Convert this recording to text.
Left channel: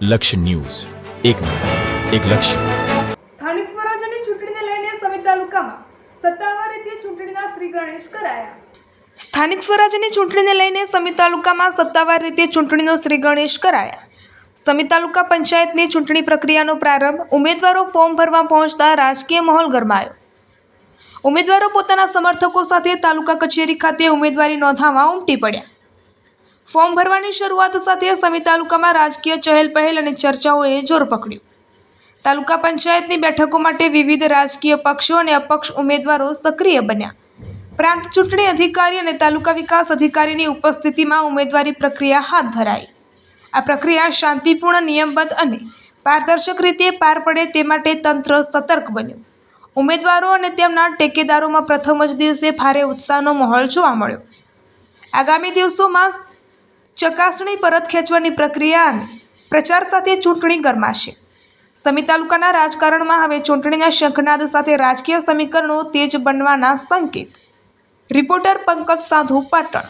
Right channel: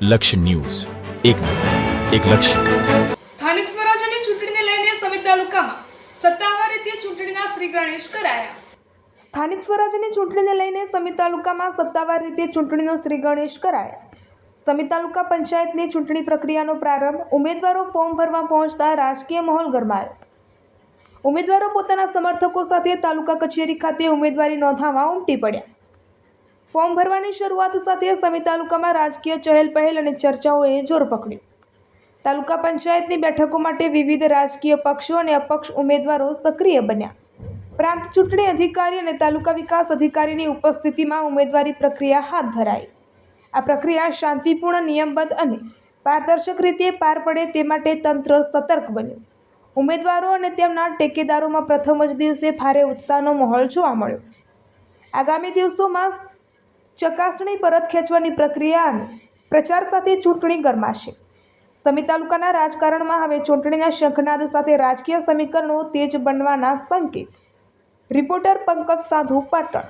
લક્ષ્ય ન્યૂઝ, એક નજર, એક લક્ષ્ય. સ્થાનિક સ્વરાજ્યની ચૂંટણીને લઈને સમિત તાલુકામાં સત્તાવાર રીતે ચૂંટણીના શ્રી ગણેશ કરાયા. સ્થાનિક સ્વરાજ્યની ચૂંટણીને લઈને સમિત તાલુકામાં સત્તાવાર રીતે ચૂંટણીનો શ્રી ગણેશ કરાયા. સમિત તાલુકા પંચાયતની ચૂંટણી પ્રક્રિયાનો પ્રારંભ ઉમેદવારો ફોર્મ ભરવા પહોંચતા રાજકીય માહોલ ગરમાયો. ઉમેદવારો પોતાના સમર્થકો સાથે તાલુકા કચેરી ખાતે ઉમેદવારી નોંધાવવા ઉમટી પડ્યા. ફોર્મ ભરવાની શરૂઆત સાથે સમિત તાલુકામાં રાજકીય ચહેલપહેલ અને ચર્ચાઓએ જોર પકડ્યું. તાલુકા પંચાયતની બેઠકો માટે વિવિધ રાજકીય પક્ષો અને અપક્ષ ઉમેદવારો સક્રિય બન્યા. પ્રાંત ચૂંટણી અધિકારી અને તાલુકા વિકાસ અધિકારીની ઉપસ્થિતિમાં ઉમેદવારી પ્રક્રિયા હાથ ધરાઈ. આ પ્રક્રિયા શાંતિપૂર્ણ, નિયમબદ્ધ અને પારદર્શક રીતે પાર પડે તે માટે તંત્ર સતર્ક બન્યું. ઉમેદવારો અને તેમના ટેકેદારોમાં પ્રથમ જ દિવસે ભારે ઉત્સાહનો માહોલ જોવા મળ્યો. આગામી દિવસોમાં ચકાસણી પરત ખેંચવાની પ્રક્રિયા અને પ્રચાર સાથે ચૂંટણી ગરમાશે. સમિત તાલુકાના રાજકારણમાં હવે ચૂંટણીના શંખનાદ સાથે રાજકીય સમીકરણો તેજ બનવાના સંકેત. રિપોર્ટર પંકજ સાધુ, પાટણ.